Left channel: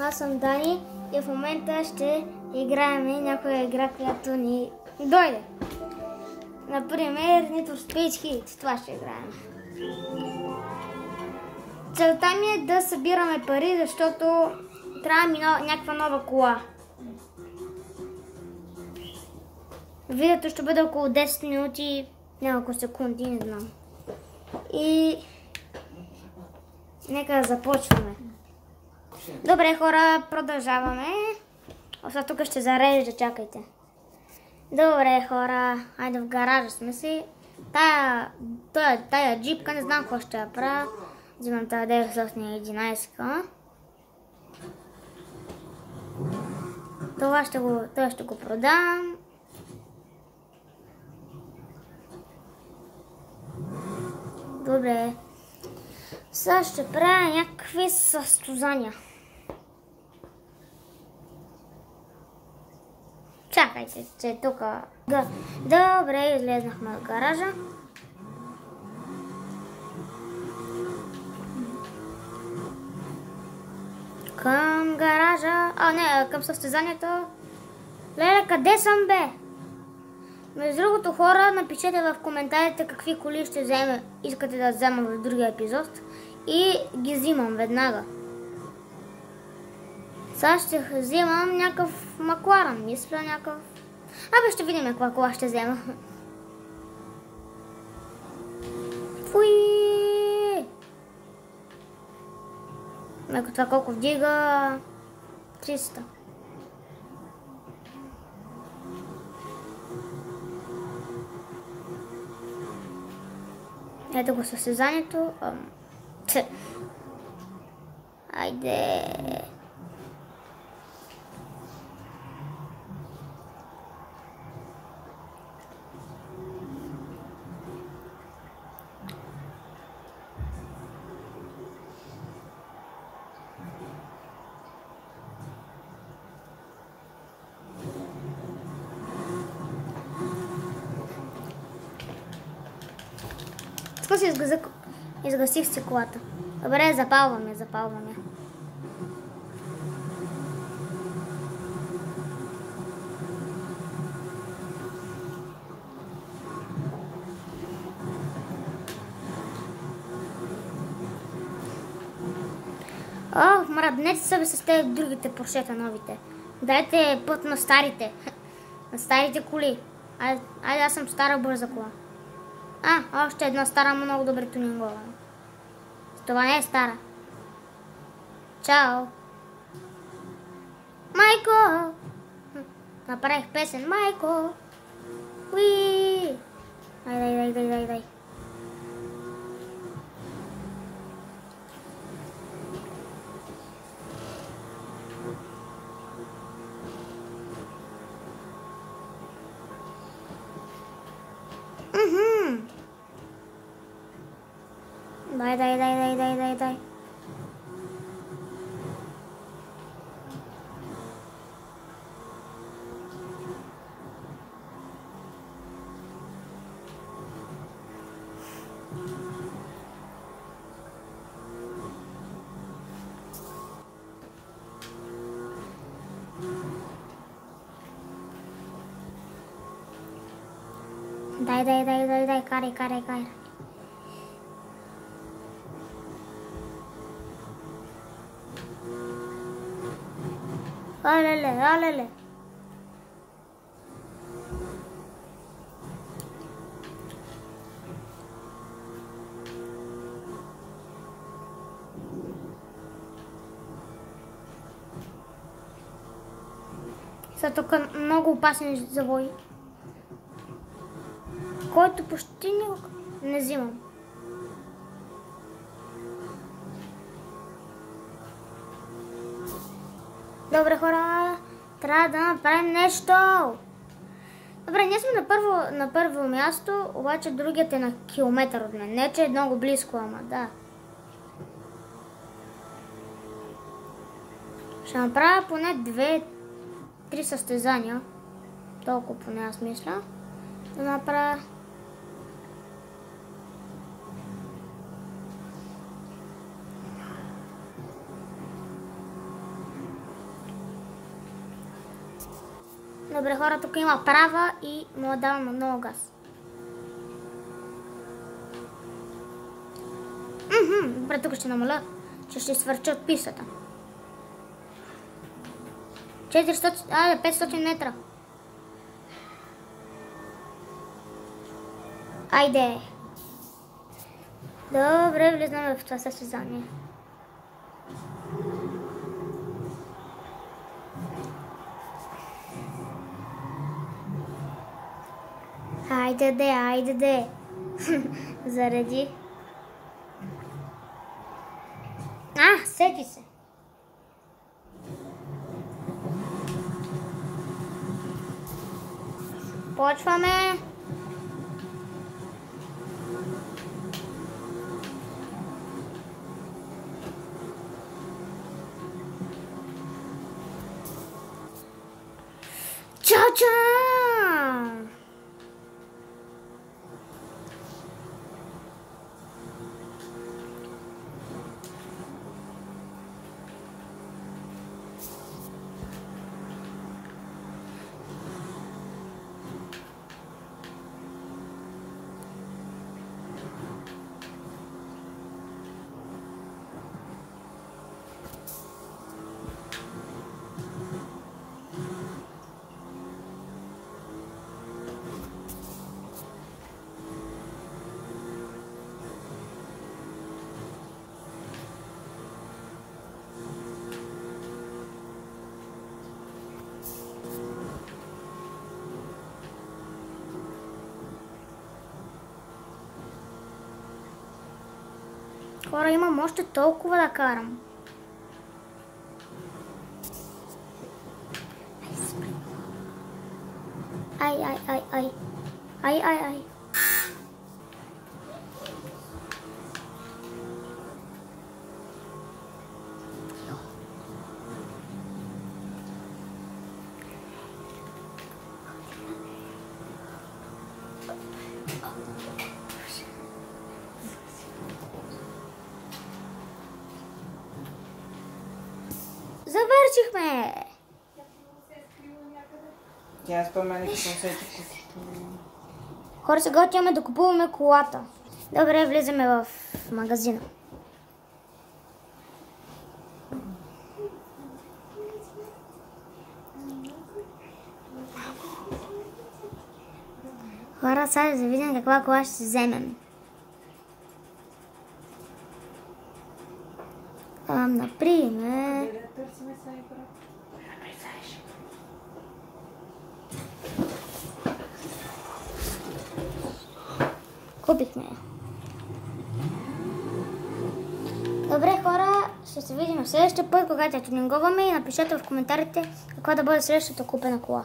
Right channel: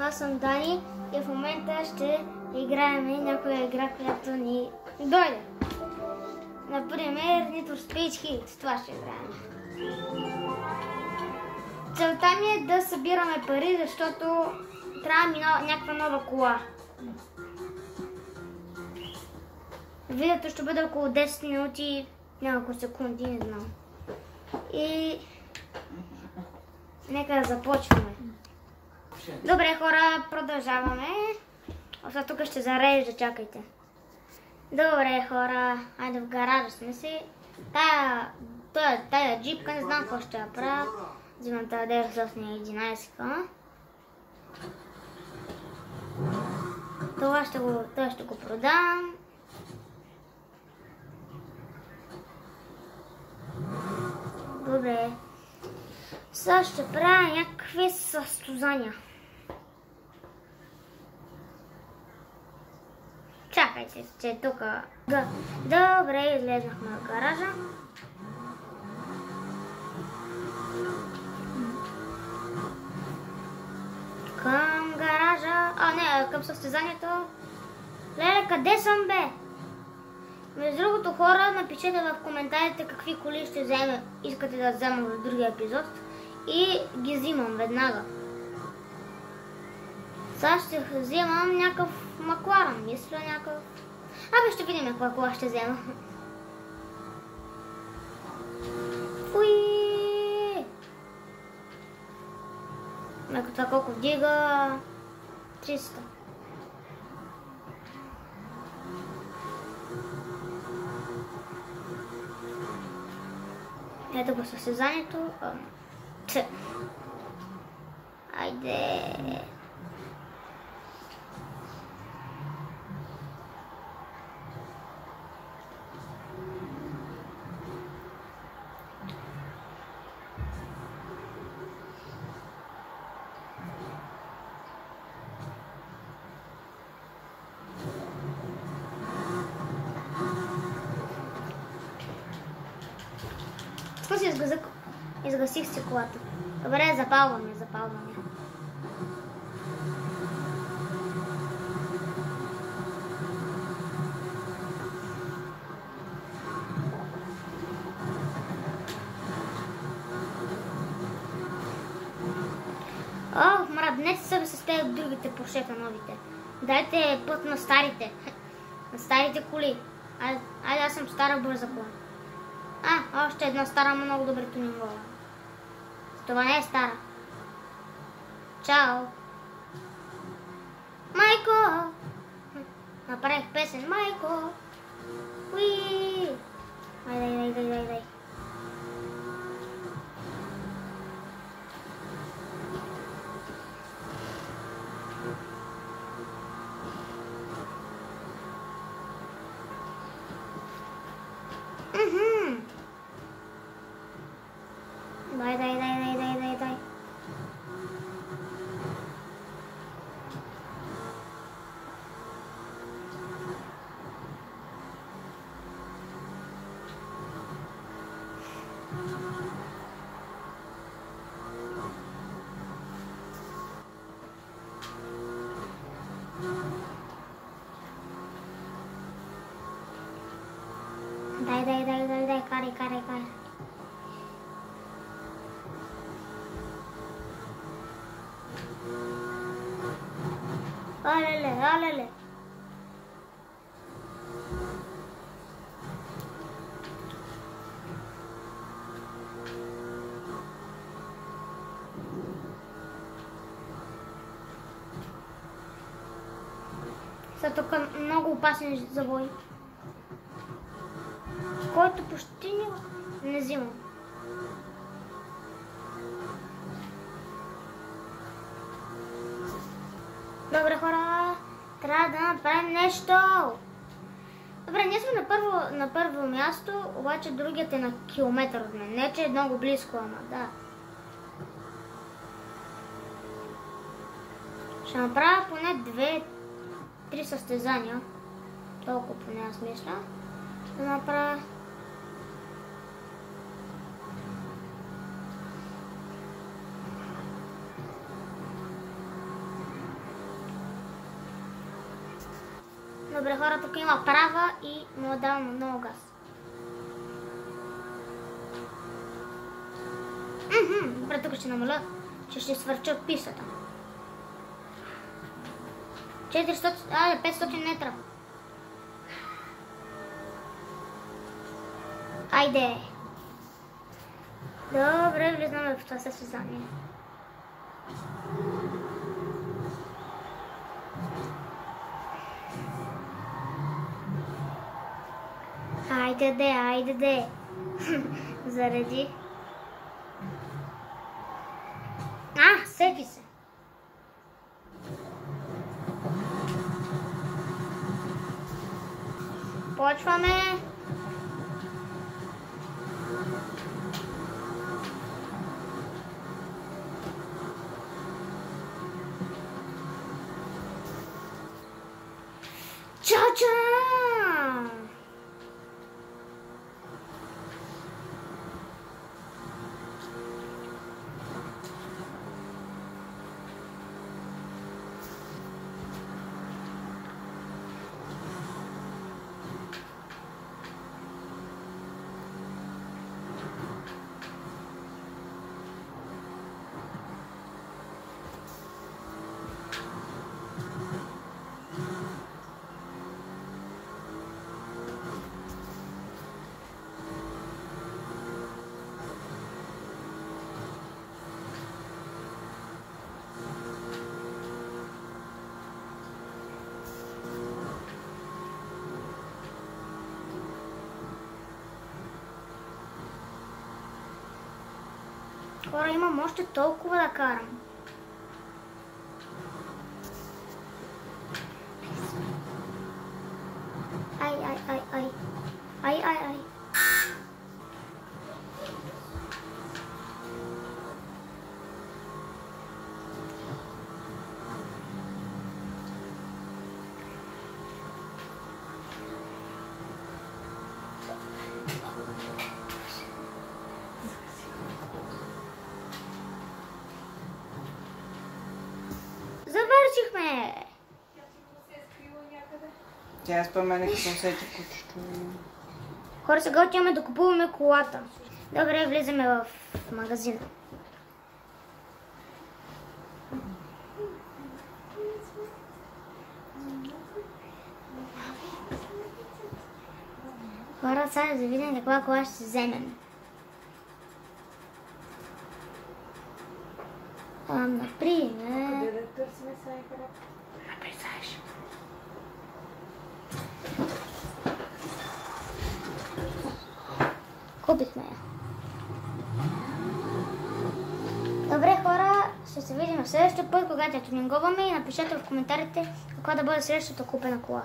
Аз съм Дани и в момента ще играем някоя игра, която ни дойде. Например, Need for Speed Heat. Това ще играем. Целта ми е да събираме пари, защото трябва ми някаква нова кола. Видеото ще бъде около 10 минути, няколко секунди, не знам. И нека да започваме. Добре, хора, продължаваме. Оса тук ще зарежда, чакайте. Добре, хора, айде в гаража сме си. Тая джипка, не знам какво ще я правя. Взимам тази 911. Това ще го продам. Добре. Сега ще правя някакви състезания. Чакайте, че тук... Добре, излезнахме от гаража. Към гаража... към състезанието. Леле, къде съм, бе? Между другото, хора, напишете в коментарите какви коли искате да взема в другия епизод и ги взимам веднага. Сега ще вземам някакъв Макларен, мисля някакъв... ще видим каква кола ще взема. Фуи! Това колко вдига? 300. Ето го състезанието. Айде. Изгасих си колата. Добре, запалваме. Мръднете се с тези другите поршета новите. Дайте път на старите. На старите коли. Айде, аз съм стара бърза кола. Още една стара, много добре тюнингова. Това не е стара. Чао! Майко! Направих песен. Майко! Уи! Дай. Дай. Карай. Алеле. Са тук много опасен завой, който почти не взимам. Добре, хора, трябва да направим нещо. Добре, ние сме на първо място, обаче другият е на километър от мен. Не, че е много близко, ама да. Ще направя поне 2-3 състезания. Толкова поне аз мисля. Да направя... Добре, хора, тук има права и му дам на много газ. Добре, тук ще намаля, че ще свърча от пистата. 500 метра. Айде. Добре, влизаме в това състезание. Айде де. Зареди. Сети се. Почваме. Ча-ча! Хора, имам още толкова да карам. Ай. Завършихме! Тя спомена, че съм сетих. Хора, сега отиваме да купуваме колата. Добре, влизаме в магазина. Хора, сега да видим каква кола ще вземем. Например... Купихме. Добре, хора, ще се видим в следващия път, когато я тюнингуваме, и напишете в коментарите каква да бъде следващата купена кола.